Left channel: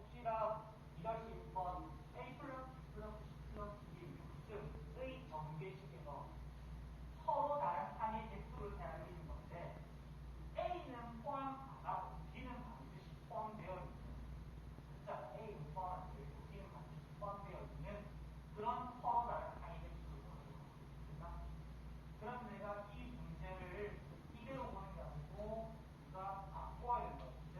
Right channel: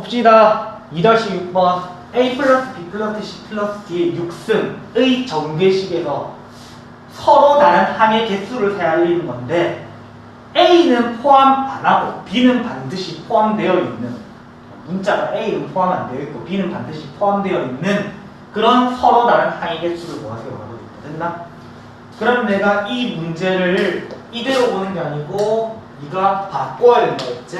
봅시다. 2-6번 A 플러스 B 플러스 C 플러스 D의 6승의 정계식에서 서로 다른 항의 개수를 세알리는 건데 A는 포함 안 하고 B는 반드시 포함되어 있는 문자가 A는 포함 안 되어 있고 B는 반드시 포함되어 있는 그런 서로 다른 항의 개수를 모아서 있다. 됐나? 그럼 내가 이 문제를 이대로 보는 게 아니고 네가 바꿔야 된다 했지?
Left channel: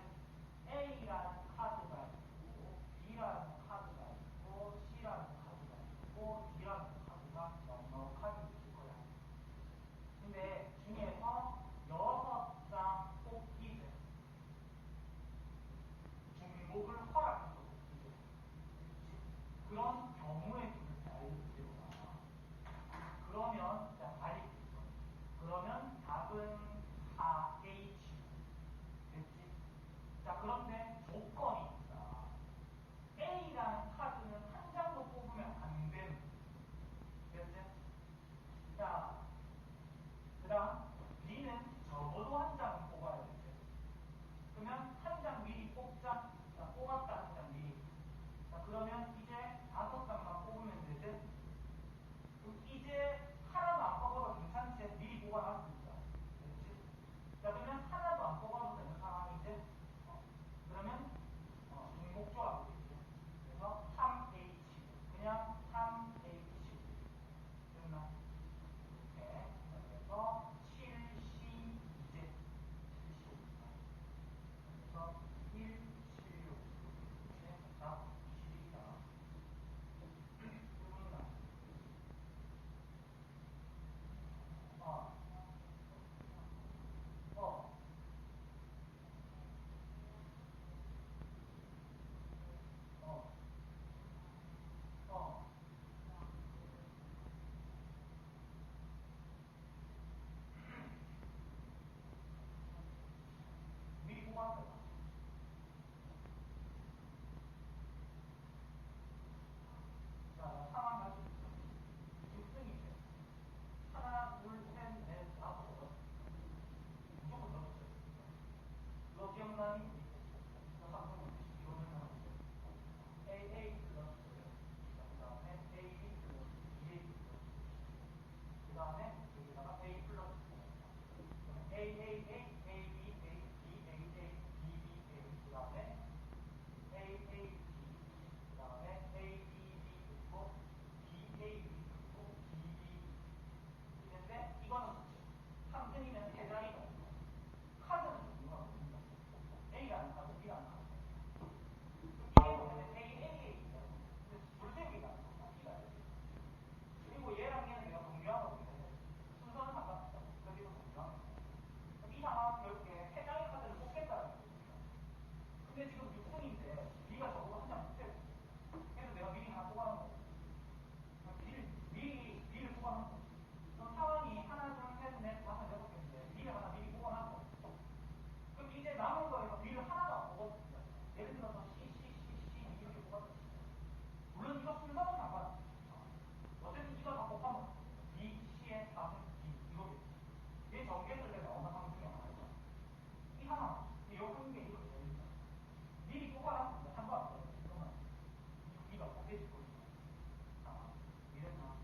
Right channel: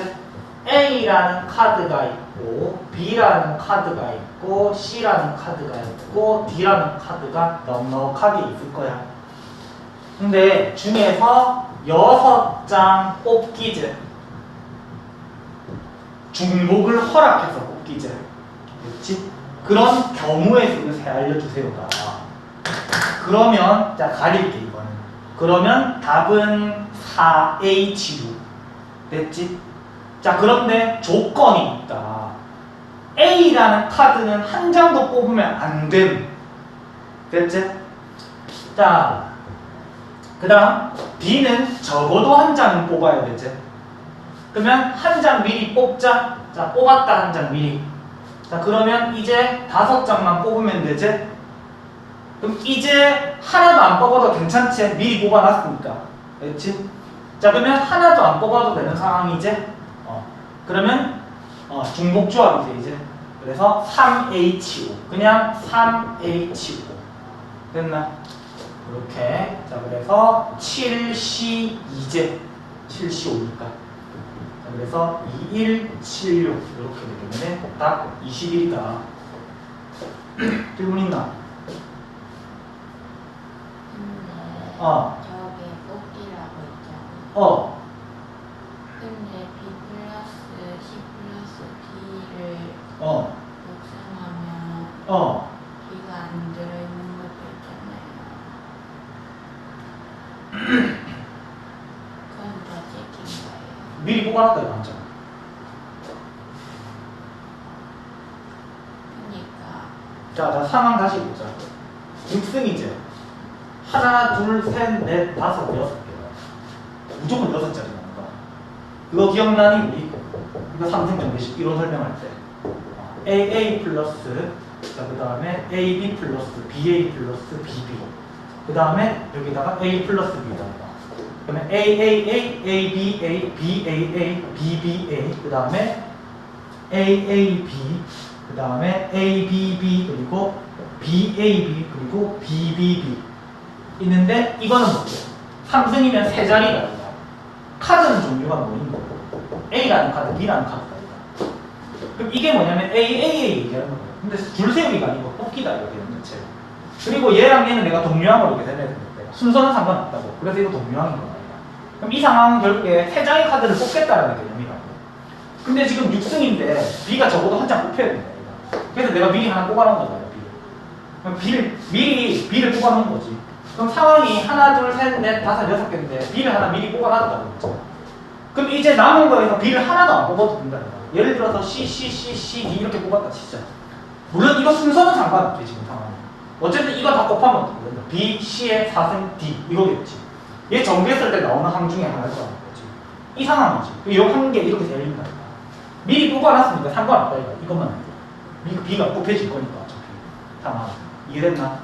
A라는 카드가 있고 B라는 카드가 있고 C라는 카드가 있고 D라는 카드가 넉넉하게 있을 거야. 근데 중에서 여섯 장 뽑기제 중복을 허락해서 뽑기제 그렇지? 그런 경우의 수를 세 알려주세요가 그러면 자 가릴게 이거는 그러면 답은 4H6 됐지? 자 그런데 조건이 있다. A라는 카드는 한 장도 뽑으면 안 됨. 됐지? 자 그 다음 B는 적어도 한 장은 뽑아야 되지. 그러면 한 장 미리 뽑자. 자 뽑았다 한 장 미리. 자 그러면 이제 다섯 장만 뽑으면 되지. 그럼 이제 하나도 안 뽑아도 괜찮지. 미리 뽑아놨으니까. 그렇지? 자 그러면 하나도 안 뽑아도 되는 상황이지. 어 그러면 어, 중복 조합이지 이제. 그래서 3H5 그냥 3H5 됐나? 이렇게. 자 그래서 7C2제. 7C5니까. 자 그래서 2176 이렇게 되기 때문에 답 21이다. 질문 있나? 근데 어. 저게 뽑기라고 있잖아. 어. 근데 B 플러스 C 플러스 D를 어, 곱셈하면 어. B가 안 들어있는 것도 있잖아요. 그건 다 찍힌 거예요. 미리 뽑아놨다 이거 맞잖아 그러니까 자, 자 상황 다시 보자 6승이제 하나, 둘, 셋, 넷, 다섯, 여섯 개 무조건 여섯 자리 거야 그거 기억나니 우리? 이거 삼승 정배식 이론 설명할 때. 어, AA 플러스 자, 그 다음에 AB 플러스 BA 플러스 BB 그 다음에 여기다가 A 플러스 B다 그러면 AAA, ABA, BAA, BBA 그 다음에 AAB 그 다음에 ABB 그리고 BAB 그리고 BBB 있는데 이거는 뭐예요? 3승이면 세 자리가 있다. 카드는 종류가 뭐 있는 거고 A라는 카드, B라는 카드가. 그럼 이게 뭐냐면 AAA 얘기하는 거예요. 근데 줄 세우기가 아니고 뽑기다 되는 거죠. 그리고 얘랑 얘는 내가 동류항으로 이렇게 되는 거예요. 순서는 상관없다고. 그래서 이거 동류항인 거야. 그럼 이 상황은 결국에 세 장의 카드를 뽑겠다라는 개념이라고. 근데 지금 6승인데 B가 적어도 한 장 뽑혀야 된다. 그래서 내가 미리 하나 뽑아놓은 거잖아요. B. 그럼 B를 미리 B를 뽑아놓은 거지. 그럼 상황이 하나, 둘, 셋, 넷, 다섯, 여섯 개인데 B를 하나 미리 뽑아놨다는 거죠. 그럼 이제 남은 거에서 B를 하나도 안 뽑아도 된다. 예를 들어서 C, C, C, C, D 이렇게 뽑았다 진짜. 물론 이거 순서는 상관없지 지금 상황이. 어쨌든 이거 다 곱하면 어떻게 된다. B, C의 4승 D 이거겠지. 얘 정비했을 때 나오는 항 중에 하나일 거라는 거지. 이 상황이지. 이한개 이렇게 열린다. 미리 뽑아놨으니까 상관없다 이거. 이것만 해도. B가 뽑혀질 거니까 어차피. 상황. 이해됐나?